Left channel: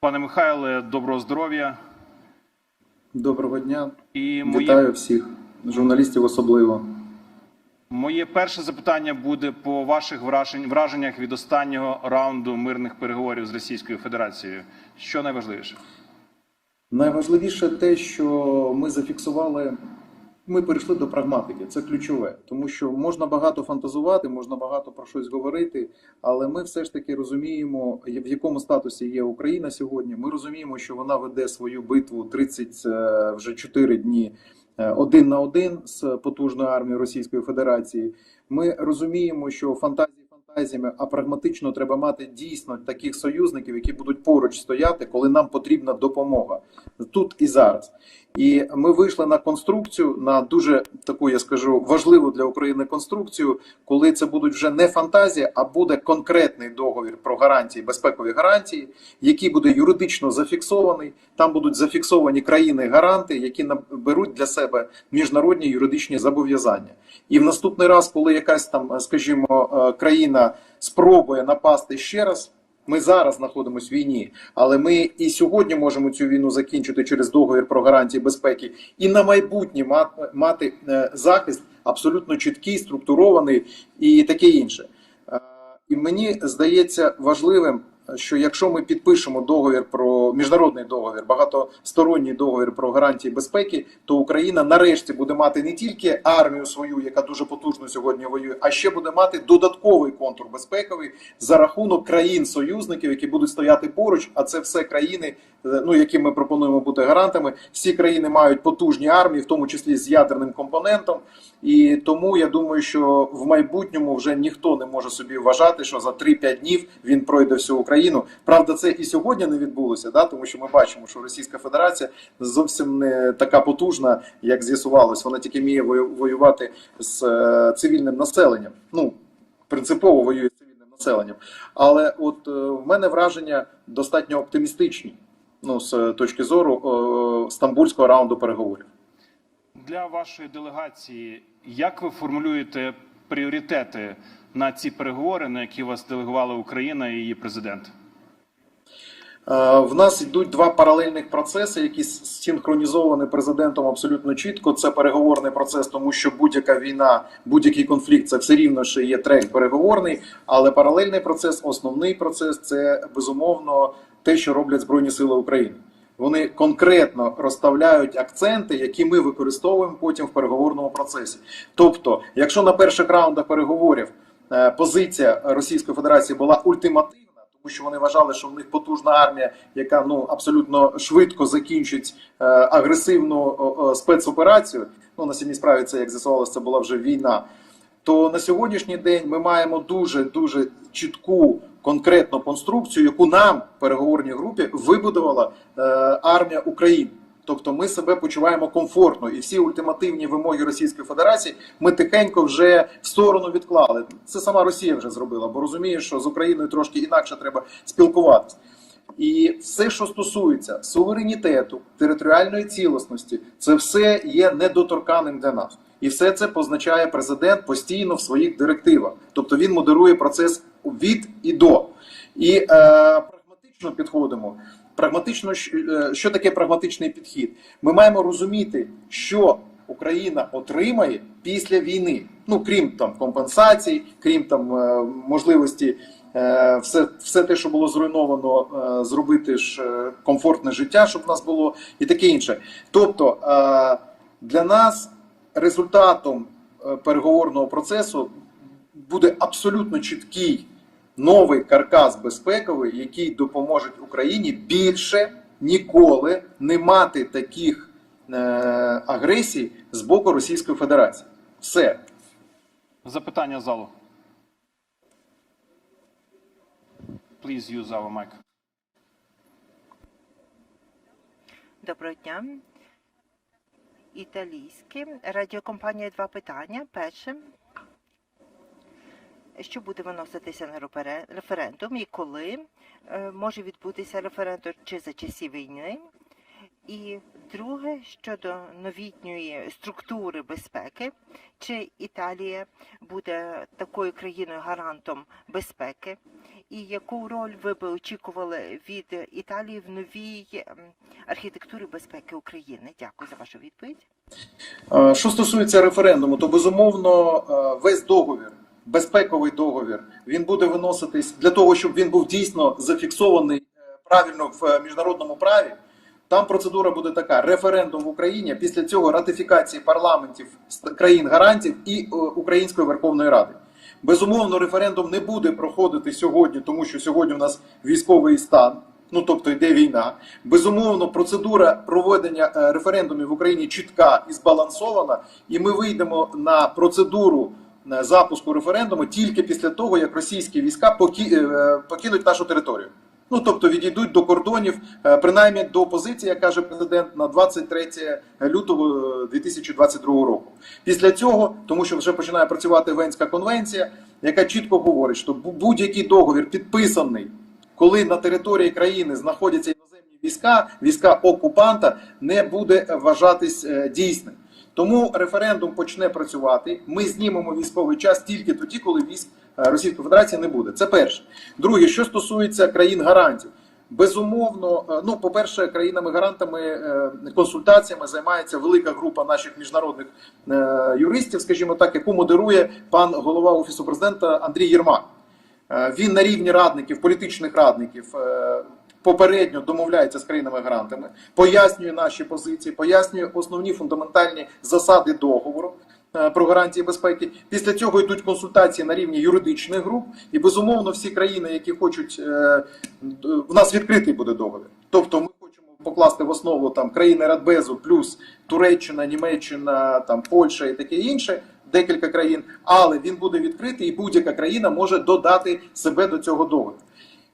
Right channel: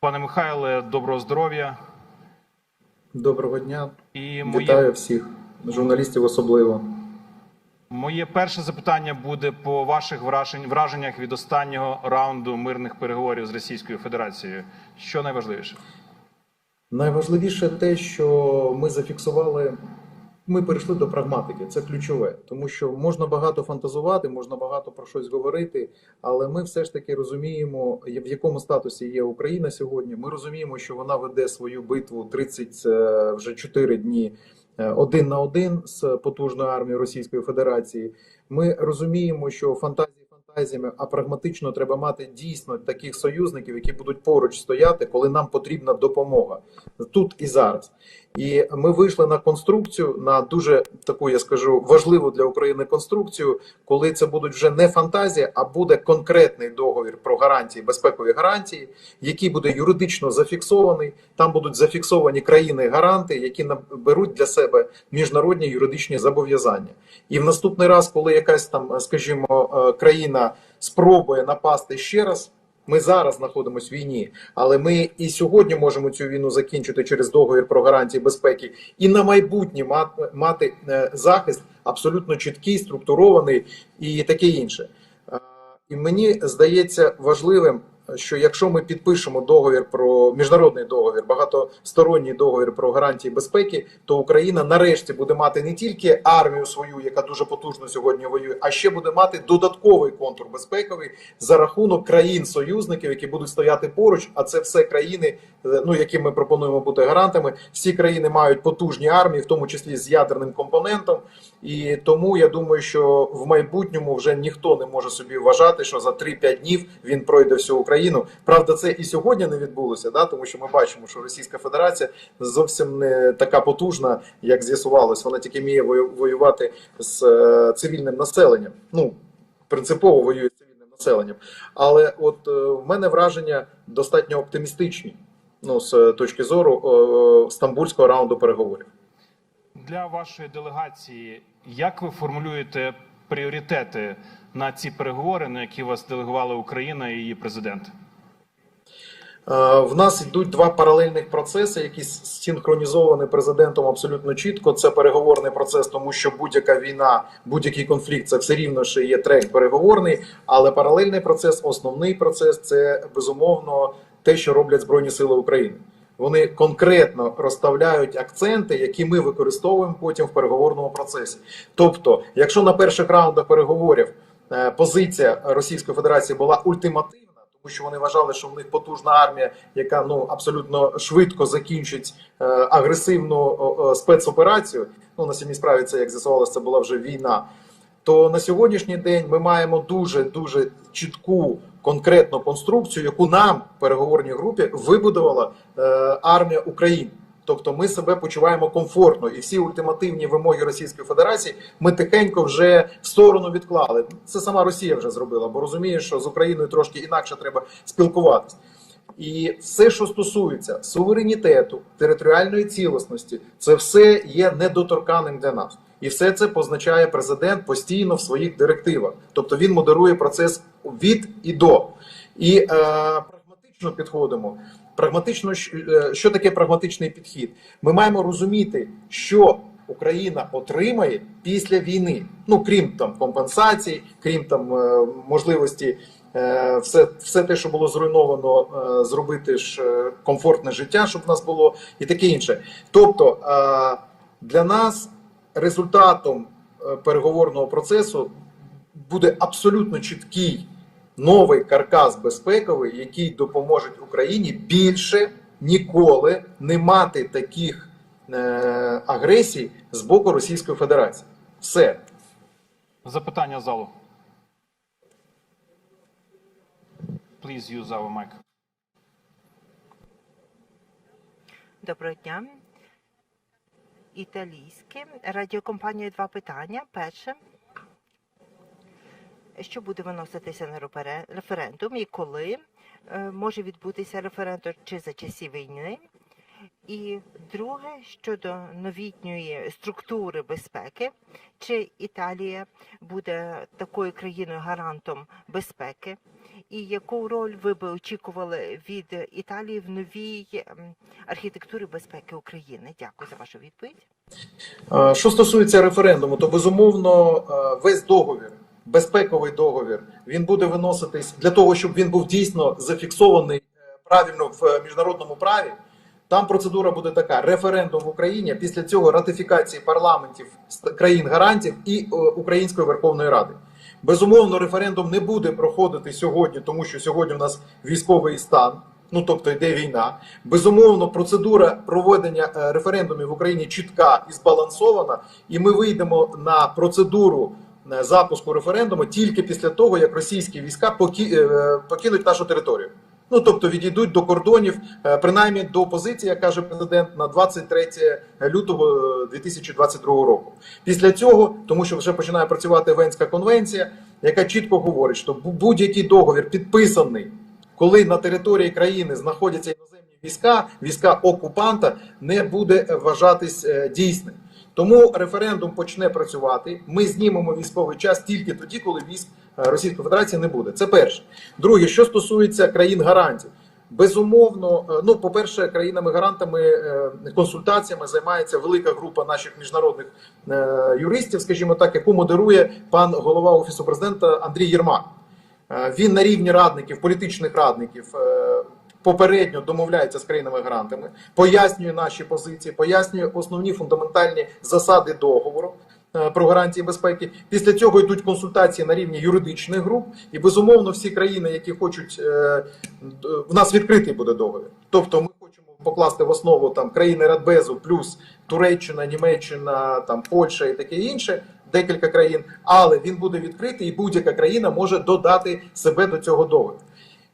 Пане Михайле, доброго здоров'я. Доброго дня. І моє, Вітаю всіх, журналістів особливо. моє перше запитання буде по ваших враженнях від останнього раунду мирних переговорів з Російською Федерацією. Що найважливіше? Найважливіше те, що ми зафіксували, ми перейшли до прагматики. Це ключове, тому що можна багато фантазувати, можна багато про щось говорити, але ми все ж таки розуміємо, в якому статусі є Україна сьогодні. Ми розуміємо, що вона веде свою битву 30 е, вже 4 дні. е, Один на один з потужною армією Російської Федерації. Ми розуміємо, що фантазії фантазіями, а прагматично треба мати дійсно таких союзників, які будуть поруч стояти, коли нам потрібна допомога тут і зараз. І ми вийшли на конструкцію, на дуже таку, я скажу, важливу для України конструкцію, коли це будуть вже не фантазія, а буде конкретний договір про гарантії, безпекові гарантії, який буде юридично зафіксований. Там будуть зафіксовані країни-гаранти, які наберуть для себе міжнародні юридичні зобов'язання. І в наступний раз, коли якась там, скажімо, е, спробує напасти ще раз. Ми зараз знаходимося в війні, але ми і сьогодні можемо цю війну закінчити через договір про гарантії безпеки, і на майбутнє мати е, захист абсолютно чіткий, структурований і таке інше. Е, І мені здається важливим, що якщо ми підпишемо договір про міжнародний договір, багатосторонній договір про гарантії безпеки, то Україна нарешті буде мати не тільки армію свою, яка дуже потужно сьогодні воює, а ще буде мати додатковий контур безпековий за рахунок країн-союзників, які будуть стояти поруч. А це все країни, е, ну яким ми пропонуємо бути гарантами. Всі країни мають потужні армії, в тому числі з ядерним компонентом. І тому я думаю, що в майбутньому вже ніхто не може собі вважати, що за 3-5 днів він пройде всю Україну. Правда, це і сьогодні не відбулося, да, тому що ми бачимо, що Російська Федерація зовсім не така потужна, як з'ясувалось. Вона тільки вміє вою- воювати з е, цивільним населенням. Ну принципово воює з цивільним населенням. Але от е, в мене враження достатньо оптимістичні. Ну, з точки зору е, стамбульського раунду переговорів. Для вашої делегації, як ви формулюєте пріоритети на ці переговори, на які вас делегувала Україна і її президент? Е, В нас йдуть два паралельних процеси, які синхронізовані президентом абсолютно чітко. Це переговорний процес, тому що будь-яка війна, будь-який конфлікт це все рівно, що є трек переговорний. Але паралельний процес, основний процес це безумовно те, що роблять Збройні Сили України. Вони конкретно розставляють акценти, які ми використовуємо потім в переговорному процесі. Тобто, якщо на перших раундах переговорів позиція Російської Федерації була ультимативна, тому що вони вважали, що в них потужна армія, яка ну абсолютно швидко закінчить е, агресивну спецоперацію. Ну на самій справі це як з'ясувалося, це була вже війна. То на сьогоднішній день ми маємо дуже дуже чітку конкретну конструкцію, яку нам в переговорній групі вибудувала е, армія України. Тобто ми себе почуваємо комфортно, і всі ультимативні вимоги Російської Федерації ми тихенько вже в сторону відклали. Це сама Росія вже зробила, бо розуміє, що з Україною трошки інакше треба спілкуватися. І все, що стосується суверенітету, територіальної цілісності, це все є недоторканим для нас. І все це позначає президент постійно в своїх директивах. Тобто він модерує процес від і до. І е, прагматично підходимо. Прагматично, е, що таке прагматичний підхід? Ми маємо розуміти, що Україна отримає після війни. Ну крім там компенсацій, крім там е, можливості е, все, все те, що було зруйновано, зробити ж комфортне життя, щоб в нас було, і таке інше. Тобто для нас результатом переговорного процесу буде абсолютно чіткий новий каркас безпековий, який допоможе Україні більше ніколи не мати таких е, агресій з боку Російської Федерації. Все. Запитання залу. Please use our mic. Доброго дня. Італійське радіокомпанія два питання. Перше. Що буде виноситися на референдум і коли е, може відбутися референдум чи за часів війни? І друге щодо новітньої структури безпеки, чи Італія буде такою країною гарантом безпеки, І яку роль ви би очікували від Італії в новій ем, архітектурі безпеки України? Дякую за вашу відповідь. Е, Що стосується референдуму, то безумовно е, весь договір, безпековий договір, він буде виноситись для того, щоб він був дійсно зафіксований е, правильно в е, міжнародному праві. Там процедура буде така: референдум в Україні, після цього ратифікації парламентів країн гарантів і е, Української Верховної Ради. Безумовно, референдум не буде проходити сьогодні, тому що сьогодні у нас військовий стан. Ну тобто йде війна. Безумовно, процедура проведення референдумів в Україні чітка і збалансована, і ми вийдемо на процедуру запуску референдуму тільки після того, як російські війська поки- е, покинуть нашу територію. Ну тобто відійдуть до кордонів, е, принаймні до позиції, як каже президент, на 23 лютого е, 2022 року. Після цього, тому що вже починає працювати Венська конвенція, яка чітко говорить, що будь-який договір підписаний, коли на території країни знаходяться іноземні війська, війська окупанта, не буде е, вважатись е, дійсним. Тому референдум почне працювати. Ми знімемо військовий час тільки тоді, коли військ е, Російської Федерації не буде. Це перше. Друге, що стосується країн гарантів. Безумовно, е, ну по-перше, країнами-гарантами е, консультаціями займається велика група наших міжнародних юристів, скажімо так, яку модерує пан голова офісу президента Андрій Єрмак. Він на рівні радників, політичних радників. Попередньо домовляється з країнами-гарантами, пояснює наші позиції, пояснює основні фундаментальні засади договору е, про гарантії безпеки. Після цього йдуть консультації на рівні юридичних груп, і безумовно всі країни, які хочуть е, в нас відкритий буде договір. Тобто, ми хочемо покласти в основу там країни Радбезу, плюс Туреччина, Німеччина, там Польща і таке інше. Декілька країн, але він буде відкритий, і будь-яка країна може додати себе до цього договору.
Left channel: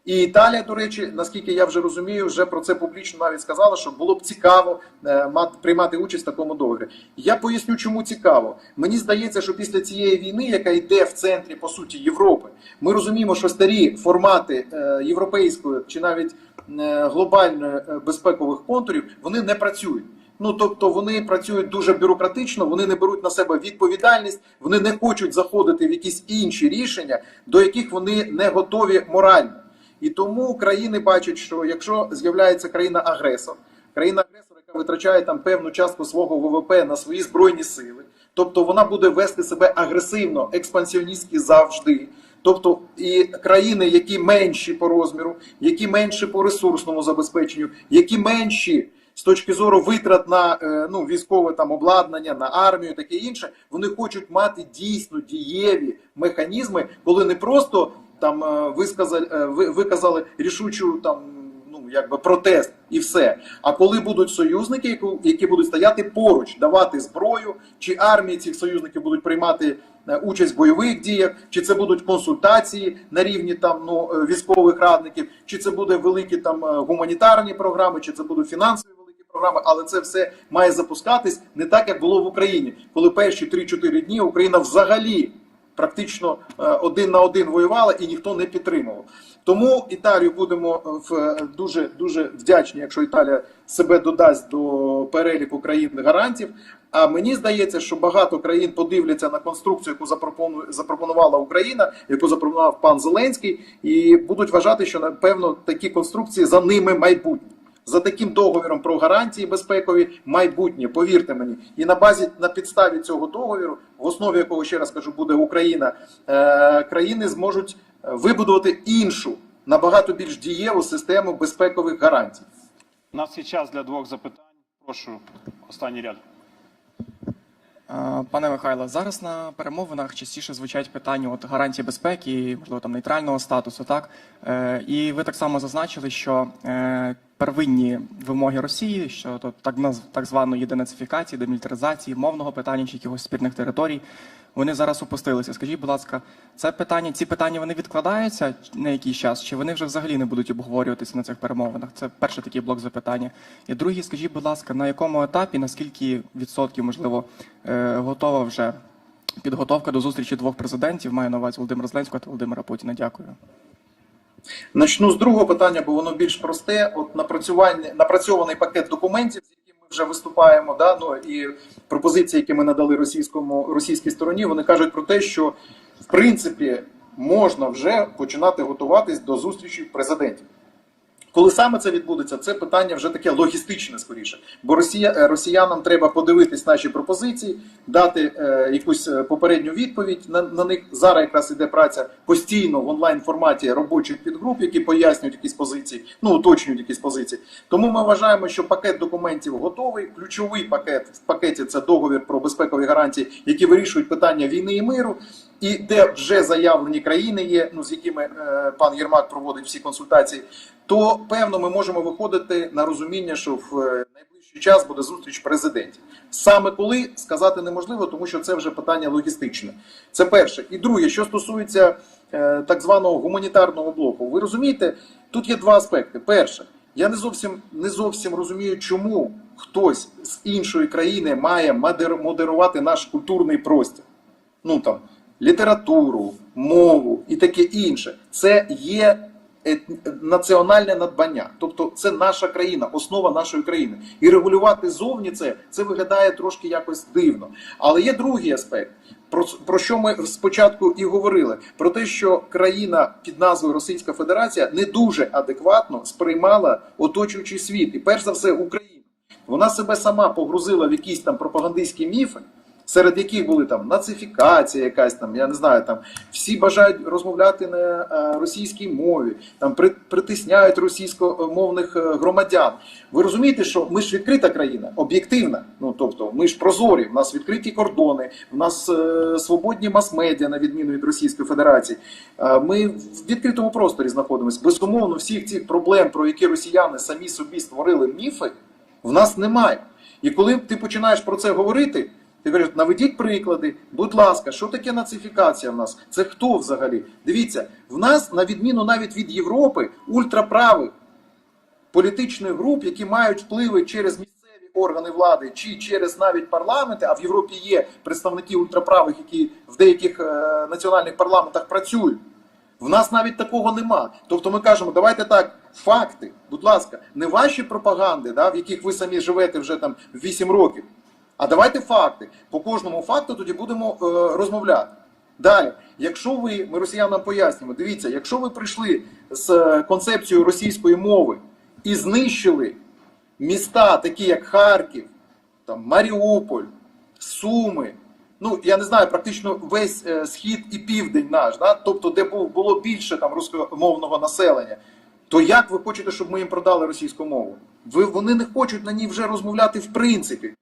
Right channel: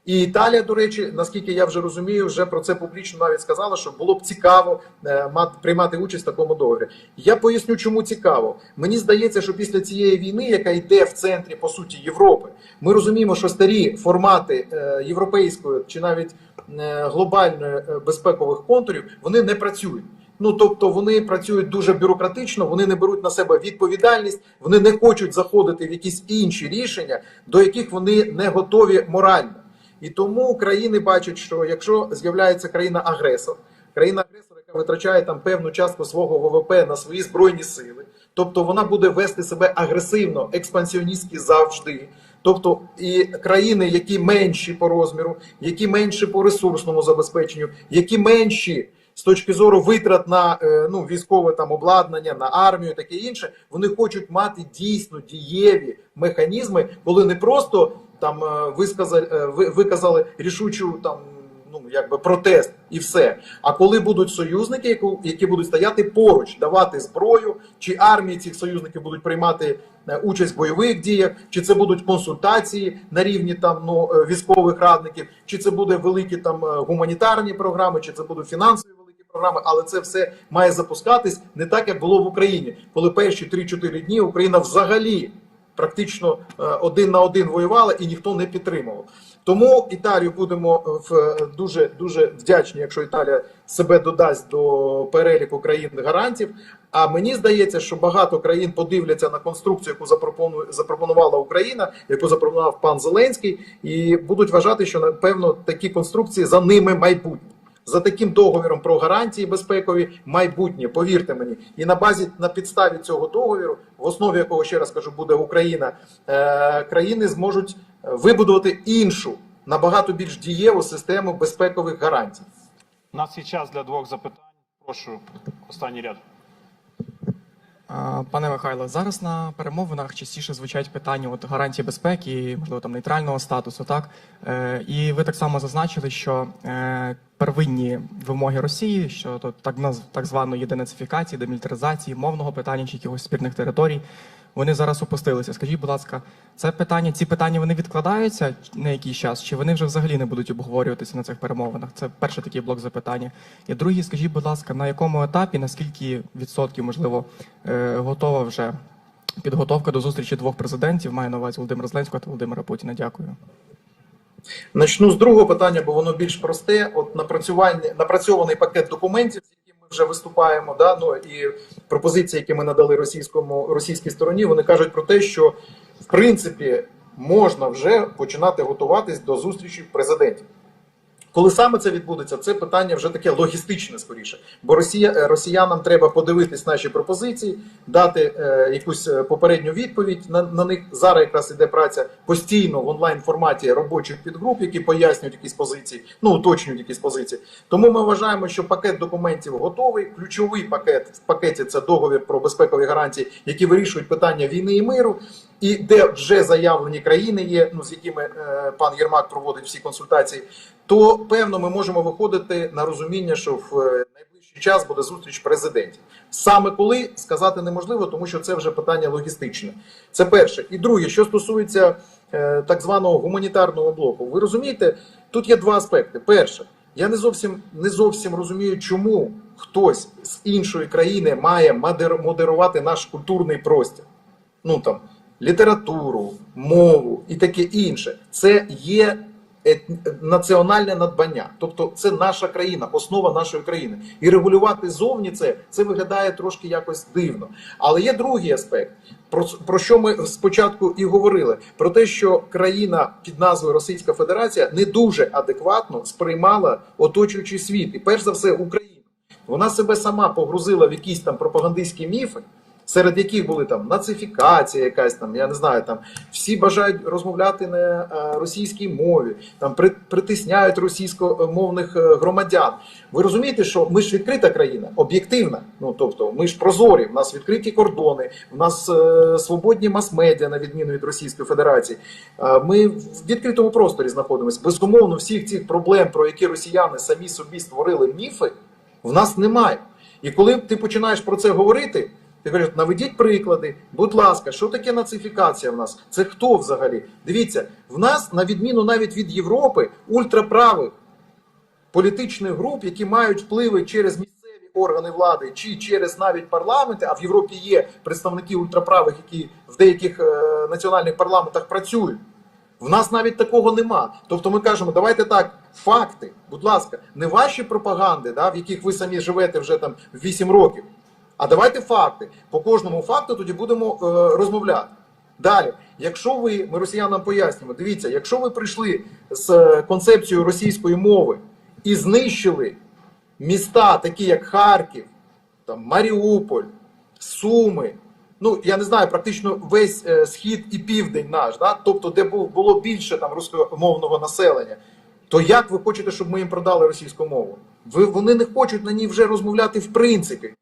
І Італія, до речі, наскільки я вже розумію, вже про це публічно навіть сказала, що було б цікаво е, мати приймати участь в такому договорі. Я поясню, чому цікаво. Мені здається, що після цієї війни, яка йде в центрі по суті Європи, ми розуміємо, що старі формати е, європейської чи навіть е, глобальної безпекових контурів вони не працюють. Ну тобто вони працюють дуже бюрократично, вони не беруть на себе відповідальність, вони не хочуть заходити в якісь інші рішення, до яких вони не готові морально. І тому країни бачать, що якщо з'являється країна-агресор, країна-агресор, яка витрачає там певну частку свого ВВП на свої збройні сили, тобто вона буде вести себе агресивно, експансіоністськи завжди. Тобто і країни, які менші по розміру, які менші по ресурсному забезпеченню, які менші з точки зору витрат на е, ну, військове там обладнання, на армію, таке інше, вони хочуть мати дійсно дієві механізми, коли не просто там е, висказали, е, виказали рішучу там. Ну, якби протест і все. А коли будуть союзники, які, які будуть стояти поруч, давати зброю, чи армії цих союзників будуть приймати е, участь в бойових діях, чи це будуть консультації на рівні там ну військових радників, чи це буде великі там гуманітарні програми, чи це будуть фінансові великі програми, але це все має запускатись не так, як було в Україні, коли перші 3-4 дні Україна взагалі практично е, один на один воювала і ніхто не підтримував. Тому Італію будемо е, в е, дуже дуже вдячні, якщо Італія себе додасть до переліку країн гарантів. А мені здається, що багато країн подивляться на конструкцію, яку запропонувала Україна, яку запропонував пан Зеленський, і будуть вважати, що напевно такі конструкції за ними майбутнє. За таким договіром про гарантії безпекові майбутнє, повірте мені, і на базі на підставі цього договіру, в основі якого ще раз кажу, буде Україна, е, країни зможуть е, вибудувати іншу набагато більш дієву систему безпекових гарантій. У нас є час для двох запитань. Прошу, останній ряд. Пане Михайло, зараз на перемовинах частіше звучать питання от гарантії безпеки, можливо, там нейтрального статусу, так е, і ви так само зазначили, що е, первинні вимоги Росії щодо так так званої денацифікації, демілітаризації, мовного питання чи якихось спірних територій, вони зараз опустилися. Скажіть, будь ласка, це питання, ці питання вони відкладаються на якийсь час, чи вони вже взагалі не будуть обговорюватися на цих перемовинах? Це перший такий блок запитання. І другий, скажіть, будь ласка, на якому етапі, на скільки відсотків, можливо, е, готова вже підготовка до зустрічі двох президентів? Маю на увазі Володимира Зеленського та Володимира Путіна. Дякую. Начну з другого питання, бо воно більш просте. От напрацювання напрацьований пакет документів, з яким ми вже виступаємо. Да? Ну і пропозиції, які ми надали російському російській стороні, вони кажуть про те, що в принципі можна вже починати готуватись до зустрічі президентів. Коли саме це відбудеться, це питання вже таке логістичне скоріше. Бо Росія, е, росіянам треба подивитись наші пропозиції, дати е, якусь е, попередню відповідь на, на них. Зараз якраз іде праця постійно в онлайн форматі робочих підгруп, які пояснюють якісь позиції, ну уточнюють якісь позиції. Тому ми вважаємо, що пакет документів готовий. Ключовий пакет в пакеті це договір про безпекові гарантії, які вирішують питання війни і миру. І де вже заявлені країни є, ну з якими е, пан Єрмак проводить всі консультації, то певно ми можемо виходити на розуміння, що в е, найближчий час буде зустріч президентів. Саме коли сказати неможливо, тому що це вже питання логістичне. Це перше. І друге, що стосується е, так званого гуманітарного блоку, ви розумієте, тут є два аспекти. Перше, я не зовсім не зовсім розумію, чому хтось з іншої країни має модер- модерувати наш культурний простір. Ну там літературу, мову і таке інше. Це є національне надбання. Тобто це наша країна, основа нашої країни. І регулювати зовні це, це виглядає трошки якось дивно. Але є другий аспект, про, про що ми спочатку і говорили: про те, що країна під назвою Російська Федерація не дуже адекватно сприймала оточуючий світ, і перш за все Україну. Вона себе сама погрузила в якісь там пропагандистські міфи, серед яких були там нацифікація, якась там, я не знаю, там всі бажають розмовляти на е, російській мові, там при, притисняють російськомовних е, громадян. Ви розумієте, що ми ж відкрита країна, об'єктивна. Ну тобто, ми ж прозорі, в нас відкриті кордони, в нас е, свободні мас-медіа, на відміну від Російської Федерації. Ми в відкритому просторі знаходимося. Безумовно, всіх цих проблем, про які росіяни самі собі створили міфи, в нас немає. І коли ти починаєш про це говорити, ти кажеш, наведіть приклади, будь ласка, що таке нацифікація в нас? Це хто взагалі? Дивіться, в нас, на відміну навіть від Європи, ультраправих політичних груп, які мають впливи через місцеві органи влади чи через навіть парламенти, а в Європі є представники ультраправих, які в деяких е, національних парламентах працюють. В нас навіть такого нема. Тобто ми кажемо, давайте так, факти, будь ласка, не ваші пропаганди, да, в яких ви самі живете вже там 8 років. А давайте факти. По кожному факту тоді будемо е, розмовляти. Далі, якщо ви, ми росіянам пояснюємо, дивіться, якщо ви прийшли з е, концепцією російської мови і знищили міста, такі як Харків, там, Маріуполь, Суми, ну я не знаю, практично весь е, схід і південь наш, да? тобто, де було більше там рускомовного населення, то як ви хочете, щоб ми їм продали російську мову? Ви, вони не хочуть на ній вже розмовляти в принципі.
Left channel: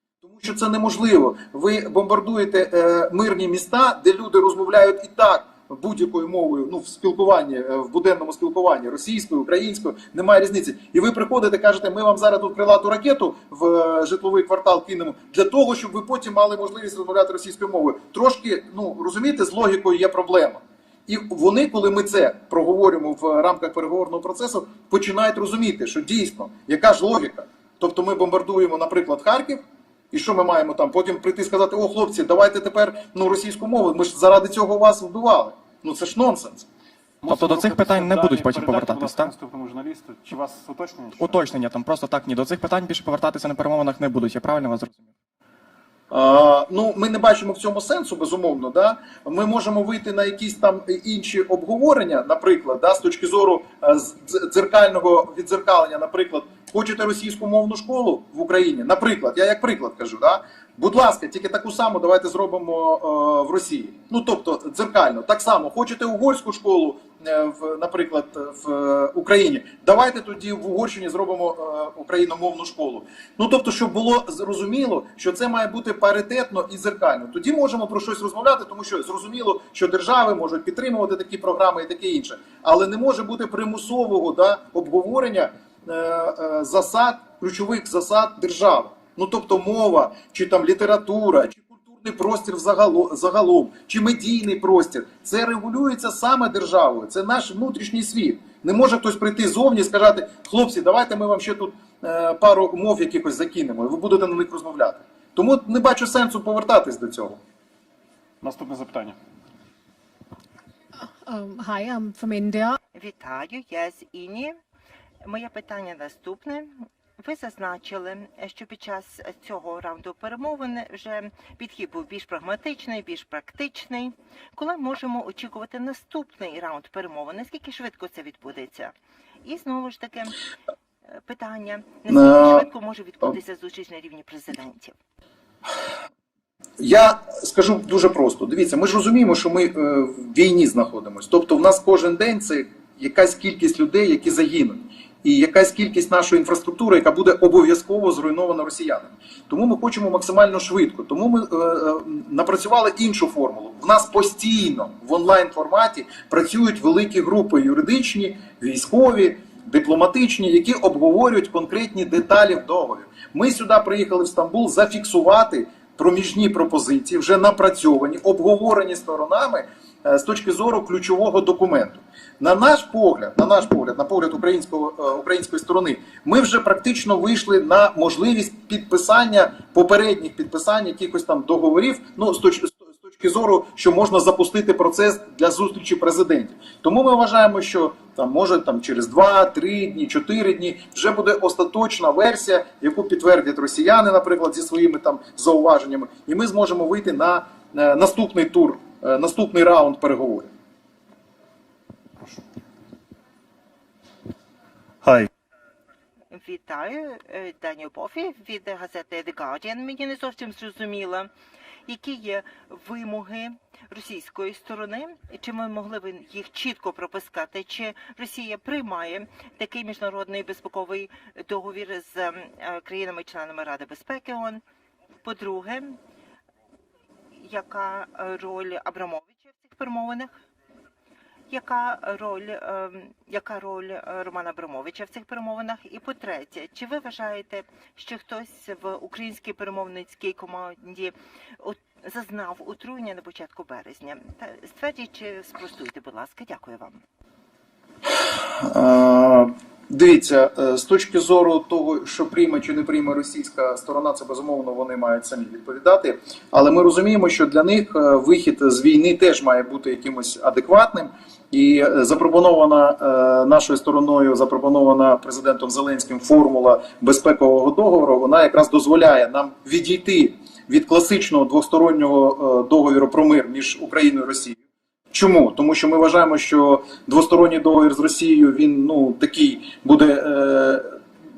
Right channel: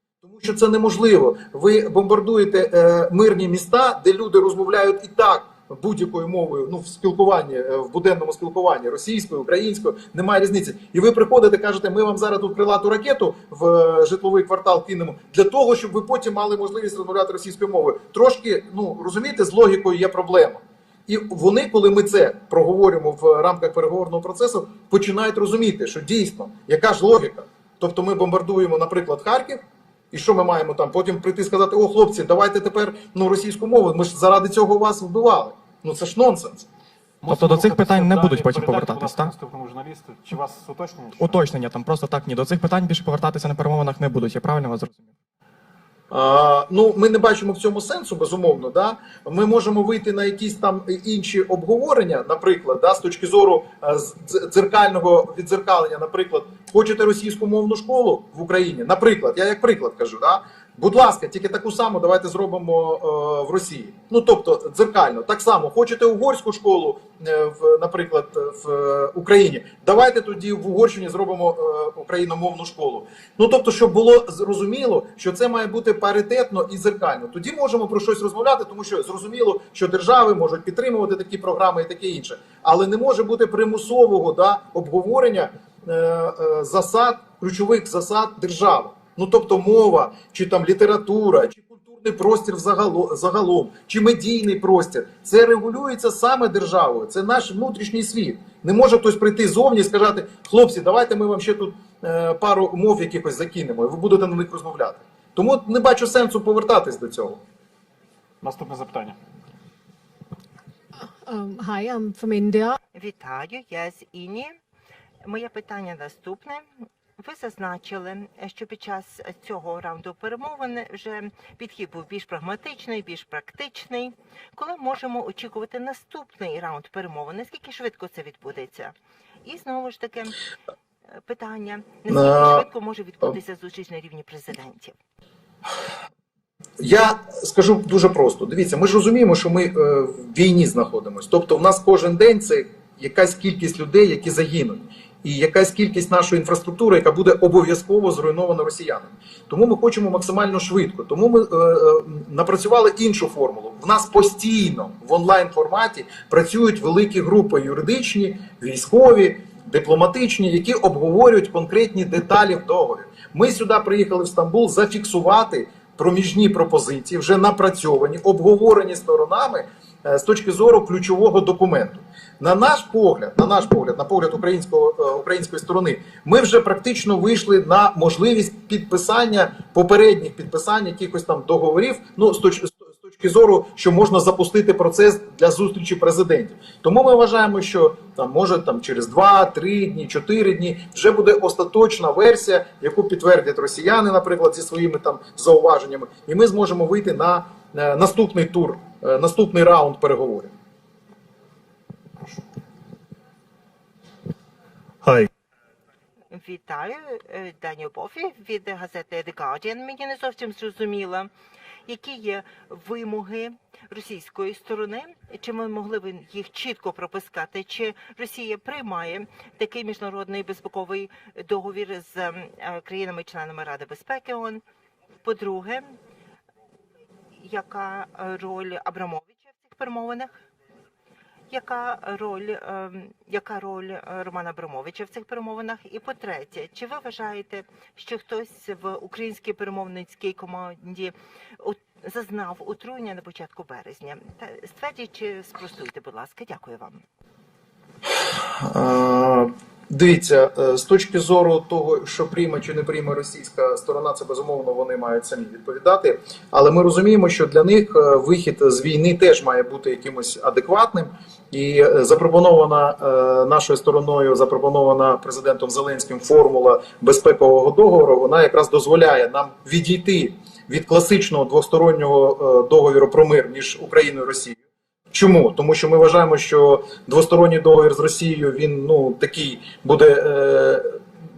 Що це неможливо. Ви бомбардуєте е, мирні міста, де люди розмовляють і так будь-якою мовою, ну в спілкуванні, е, в буденному спілкуванні російською, українською, немає різниці. І ви приходите, кажете, ми вам зараз тут крилату ракету в е, житловий квартал кинемо для того, щоб ви потім мали можливість розмовляти російською мовою. Трошки, ну розумієте, з логікою є проблема. І вони, коли ми це проговорюємо в рамках переговорного процесу, починають розуміти, що дійсно яка ж логіка. Тобто ми бомбардуємо, наприклад, Харків. І що ми маємо там? Потім прийти і сказати: о, хлопці, давайте тепер ну російську мову. Ми ж заради цього вас вбивали. Ну це ж нонсенс. Тобто до цих питань не будуть потім повертатись, так? наступному журналісту. Чи вас уточнення? що? Уточнення там просто так ні. До цих питань більше повертатися на перемовинах не будуть. Я правильно вас зрозумів? Ну, ми не бачимо в цьому сенсу, безумовно. Да? Ми можемо вийти на якісь там інші обговорення, наприклад, да, з точки зору е, дзеркального відзеркалення, наприклад, хочете російську мовну школу в Україні? Наприклад, я як приклад кажу, да? Будь ласка, тільки таку саму давайте зробимо е, в Росії. Ну тобто дзеркально, так само, хочете угорську школу, е, в, наприклад, в е, Україні, давайте тоді в Угорщині зробимо е, україномовну школу. Ну тобто, щоб було зрозуміло, що це має бути паритетно і зеркально. Тоді можемо про щось розмовляти, тому що зрозуміло, що держави можуть підтримувати такі програми і таке інше, але не може бути примусового да, обговорення е, е, засад, ключових засад держави. Ну тобто мова, чи там література, чи культурний простір загалом, чи медійний простір, це регулюється саме державою. Це наш внутрішній світ. Не може хтось прийти зовні і сказати, хлопці, давайте ми вам ще тут е, пару мов якихось закинемо, і ви будете на них розмовляти. Тому не бачу сенсу повертатись до цього. Наступне запитання. Um, hi, I'm from India. Вітаю, я з Іні. Моє питання наступне. Ви зазначили, що під час цього раунду перемовин вже підхід був більш прагматичний, більш практичний. Коли можемо очікувати наступний раунд перемовин? Наскільки швидко це відбудеться? І знову ж таки е, питання: наскільки швидко може відбутися зустріч на рівні президентів? Я скажу дуже просто: дивіться, ми ж розуміємо, що ми е, в війні знаходимося. Тобто, в нас кожен день це якась кількість людей, які загинуть, і якась кількість нашої інфраструктури, яка буде обов'язково зруйнована росіянами. Тому ми хочемо максимально швидко. Тому ми е, е, напрацювали іншу формулу. В нас постійно в онлайн форматі працюють великі групи юридичні, військові. Дипломатичні, які обговорюють конкретні деталі в договорі. Ми сюди приїхали в Стамбул зафіксувати проміжні пропозиції, вже напрацьовані, обговорені сторонами е, з точки зору ключового документу. На наш погляд, на наш погляд, на погляд українського е, української сторони, ми вже практично вийшли на можливість підписання попередніх підписань якихось там договорів. Ну з точ- з точки зору, що можна запустити процес для зустрічі президентів. Тому ми вважаємо, що там може там через 2-3 дні, 4 дні вже буде остаточна версія, яку підтвердять росіяни, наприклад, зі своїми там зауваженнями, і ми зможемо вийти на е, наступний тур, е, наступний раунд переговорів. Hi. Вітаю, е, Даніо Бофі від газети The Guardian. Мені не зовсім зрозуміло, які є вимоги російської сторони, чи ми могли б їх чітко пропускати, чи Росія приймає такий міжнародний безпековий договір з е, країнами-членами Ради безпеки ООН? По-друге, яка роль Абрамовича в цих перемовинах? Яка роль, ем, яка роль е, Романа Абрамовича в цих перемовинах? І по-третє, чи ви вважаєте, що хтось в українській перемовницькій команді зазнав отруєння на початку березня? Та ствердіть чи спростуйте, будь ласка, дякую вам. Дивіться, е, з точки зору того, що прийме чи не прийме російська сторона, це безумовно вони мають самі відповідати. Але ми розуміємо, що для них е, вихід з війни теж має бути якимось адекватним. І е, запропонована нашою стороною, запропонована президентом Зеленським формула безпекового договору, вона якраз дозволяє нам відійти від класичного двостороннього договіру про мир між Україною і Росією. Чому? Тому що ми вважаємо, що двосторонній договір з Росією він ну такий буде е,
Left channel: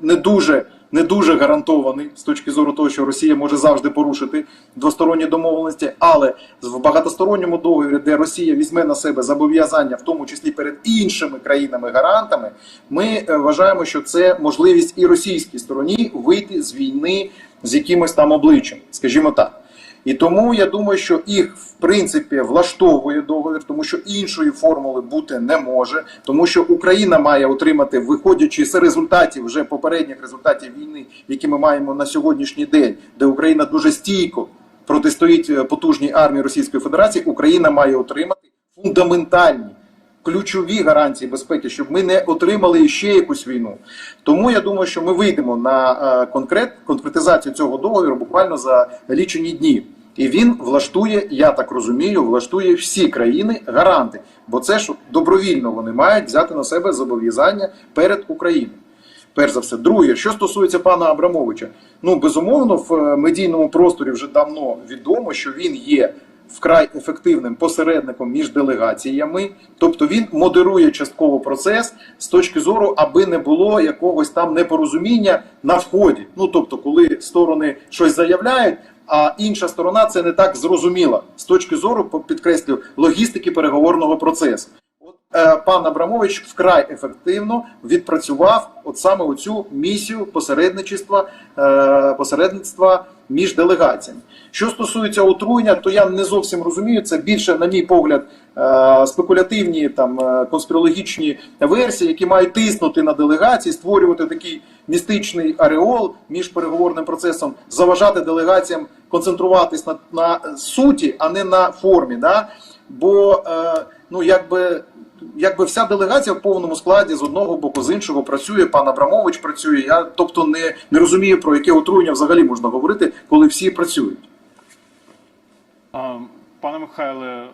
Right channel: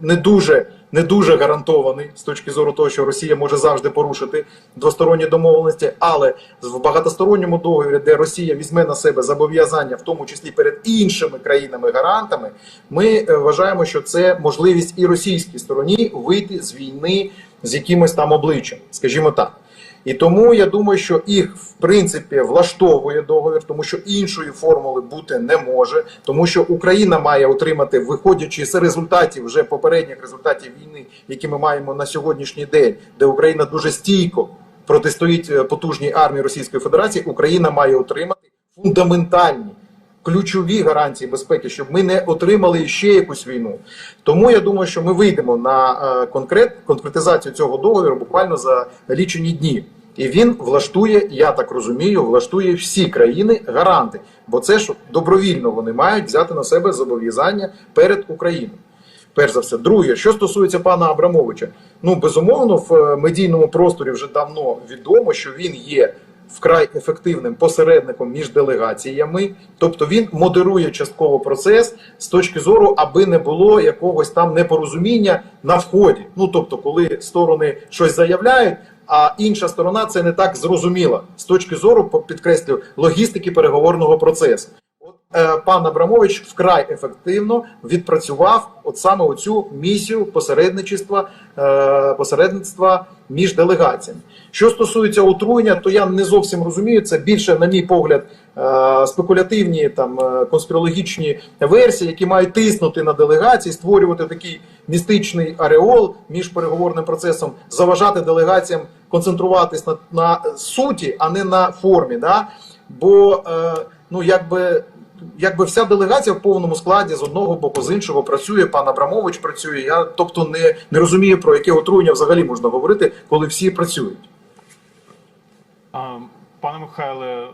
не дуже не дуже гарантований з точки зору того, що Росія може завжди порушити двосторонні домовленості, але в багатосторонньому договорі, де Росія візьме на себе зобов'язання, в тому числі перед іншими країнами-гарантами, ми е, вважаємо, що це можливість і російській стороні вийти з війни з якимось там обличчям, скажімо так. І тому я думаю, що їх в принципі влаштовує договір, тому що іншої формули бути не може, тому що Україна має отримати, виходячи з результатів вже попередніх результатів війни, які ми маємо на сьогоднішній день, де Україна дуже стійко протистоїть е, потужній армії Російської Федерації. Україна має отримати фундаментальні. Ключові гарантії безпеки, щоб ми не отримали ще якусь війну. Тому я думаю, що ми вийдемо на е, конкрет, конкретизацію цього договору буквально за лічені дні. І він влаштує, я так розумію, влаштує всі країни гаранти, бо це ж добровільно вони мають взяти на себе зобов'язання перед Україною. Перш за все, друге, що стосується пана Абрамовича, ну безумовно, в е, медійному просторі вже давно відомо, що він є вкрай ефективним посередником між делегаціями, тобто він модерує частково процес з точки зору, аби не було якогось там непорозуміння на вході. Ну тобто, коли сторони щось заявляють. А інша сторона це не так зрозуміла з точки зору, підкреслю, логістики переговорного процесу. Е, пан Абрамович вкрай ефективно відпрацював от саме оцю місію посередничества, е, посередництва між делегаціями. Що стосується отруєння, то я не зовсім розумію. Це більше, на мій погляд, е, спекулятивні там конспірологічні версії, які мають тиснути на делегації, створювати такий містичний ареол між переговорним процесом, заважати делегаціям концентруватись на, на суті, а не на формі. Да? Бо е, ну якби. Якби вся делегація в повному складі з одного боку, з іншого працює, пан Абрамович працює. Я тобто не, не розумію, про яке отруєння взагалі можна говорити, коли всі працюють. Пане Михайле,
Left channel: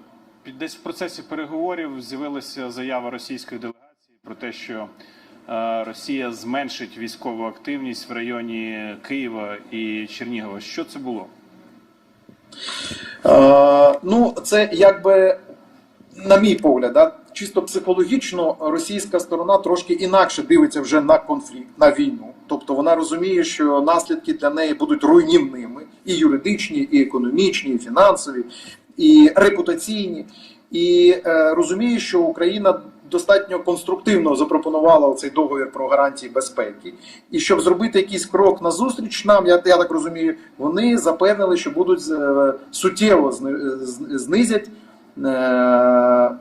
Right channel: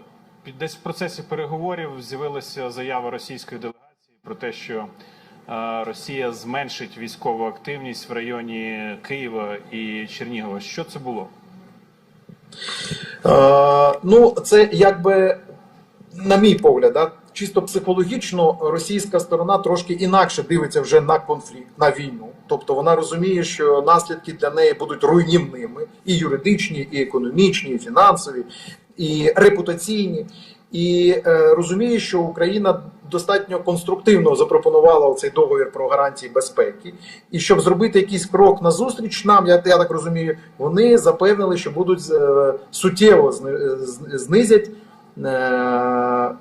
під- десь в процесі переговорів з'явилася заява російської делегації про те, що е, Росія зменшить військову активність в районі Києва і Чернігова. Що це було? Е, ну, це якби, на мій погляд, да, чисто психологічно російська сторона трошки інакше дивиться вже на конфлікт, на війну. Тобто вона розуміє, що наслідки для неї будуть руйнівними і юридичні, і економічні, і фінансові, і репутаційні. І е, розуміє, що Україна достатньо конструктивно запропонувала цей договір про гарантії безпеки. І щоб зробити якийсь крок назустріч нам, я, я так розумію, вони запевнили, що будуть е, суттєво знизять е,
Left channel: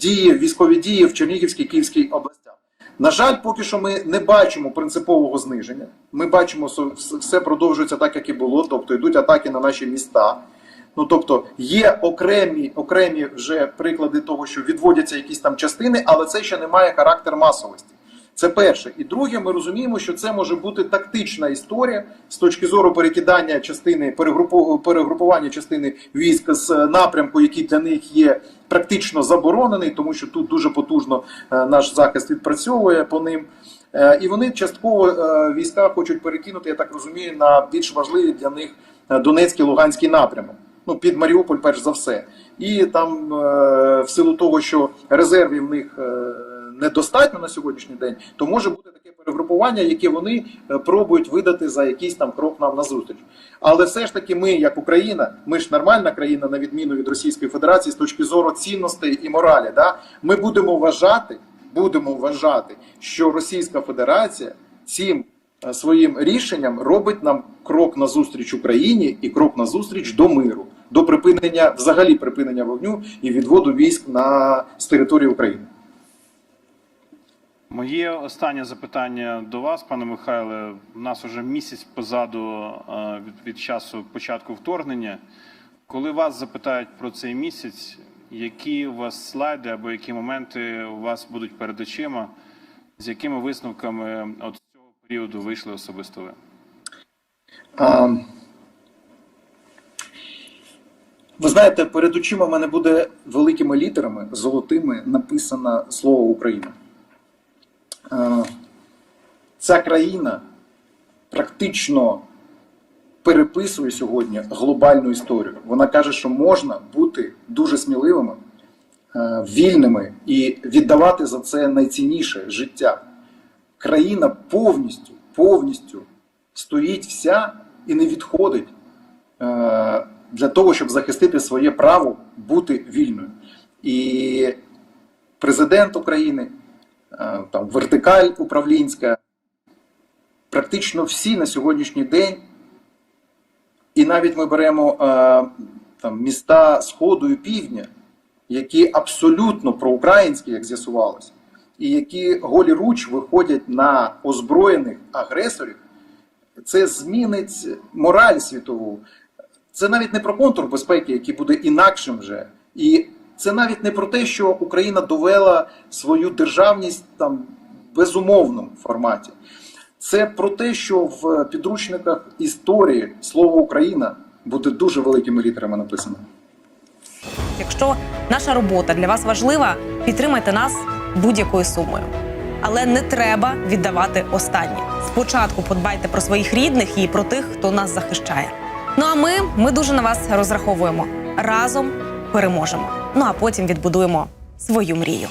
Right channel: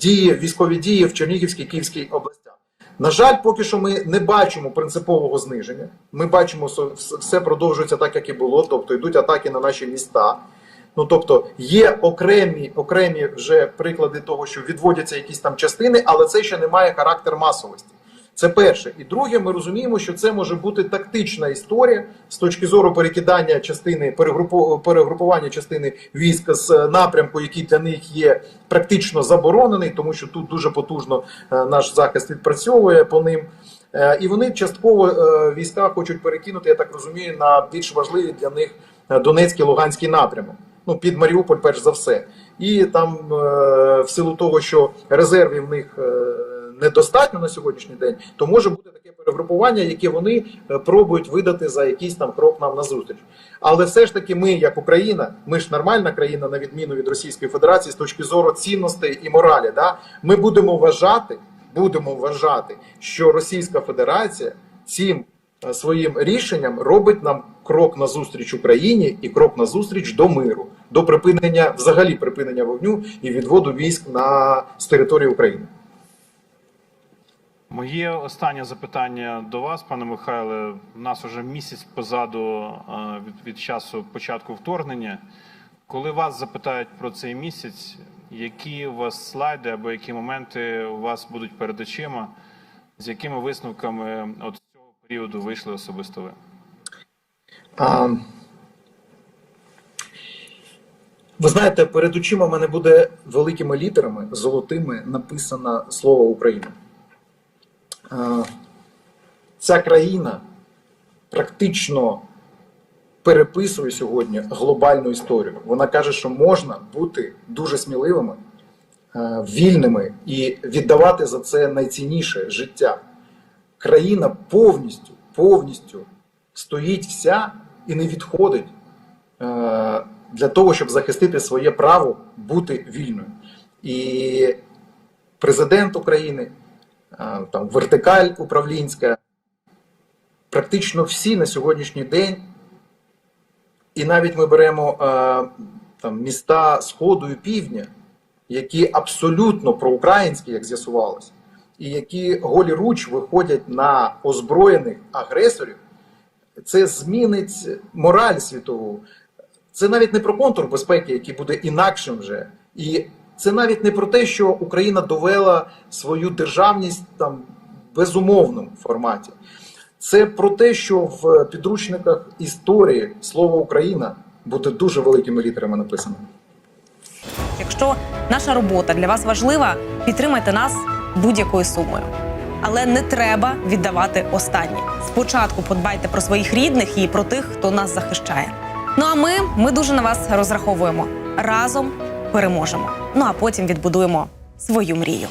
дії, військові дії в Чернігівській Київській областях. На жаль, поки що ми не бачимо принципового зниження. Ми бачимо, що все продовжується так, як і було, тобто йдуть атаки на наші міста. Ну тобто є окремі, окремі вже приклади того, що відводяться якісь там частини, але це ще не має характер масовості. Це перше. І друге, ми розуміємо, що це може бути тактична історія з точки зору перекидання частини, перегрупу- перегрупування частини військ з напрямку, який для них є практично заборонений, тому що тут дуже потужно е, наш захист відпрацьовує по ним. Е, І вони частково е, війська хочуть перекинути, я так розумію, на більш важливі для них е, Донецький Луганський напрямок. Ну, під Маріуполь, перш за все. І там, е, в силу того, що резервів в них е, недостатньо на сьогоднішній день, то може бути таке перегрупування, яке вони е, пробують видати за якийсь там крок нам назустріч. Але все ж таки, ми, як Україна, ми ж нормальна країна, на відміну від Російської Федерації, з точки зору цінностей і моралі, да, ми будемо вважати, будемо вважати, що Російська Федерація цим е, своїм рішенням робить нам крок назустріч Україні і крок назустріч до миру, до припинення, взагалі припинення вогню і відводу військ на з території України. Моє останнє запитання до вас, пане Михайле. У нас вже місяць позаду е, від, від часу початку вторгнення. Коли вас запитають про цей місяць, які у вас слайди або які моменти у вас будуть перед очима, з якими висновками от цього періоду вийшли особисто ви? А, ви знаєте, перед очима в мене буде великими літерами, золотими, написано слово Україна. А, ця країна практично переписує сьогодні глобальну історію. Вона каже, що можна бути дуже сміливими, е, вільними і віддавати за це найцінніше життя. Країна повністю, повністю стоїть вся і не відходить е, для того, щоб захистити своє право бути вільною. І президент України, е, там вертикаль управлінська, практично всі на сьогоднішній день, і навіть ми беремо е, там, міста Сходу і Півдня, які абсолютно проукраїнські, як з'ясувалось, і які голі руч виходять на озброєних агресорів, це змінить мораль світову. Це навіть не про контур безпеки, який буде інакшим вже. І це навіть не про те, що Україна довела свою державність там безумовному форматі. Це про те, що в підручниках історії слово Україна буде дуже великими літерами написано. Якщо наша робота для вас важлива, підтримайте нас будь-якою сумою. Але не треба віддавати останнє. Спочатку подбайте про своїх рідних і про тих, хто нас захищає. Ну а ми, ми дуже на вас розраховуємо. Разом переможемо. Ну а потім відбудуємо свою мрію.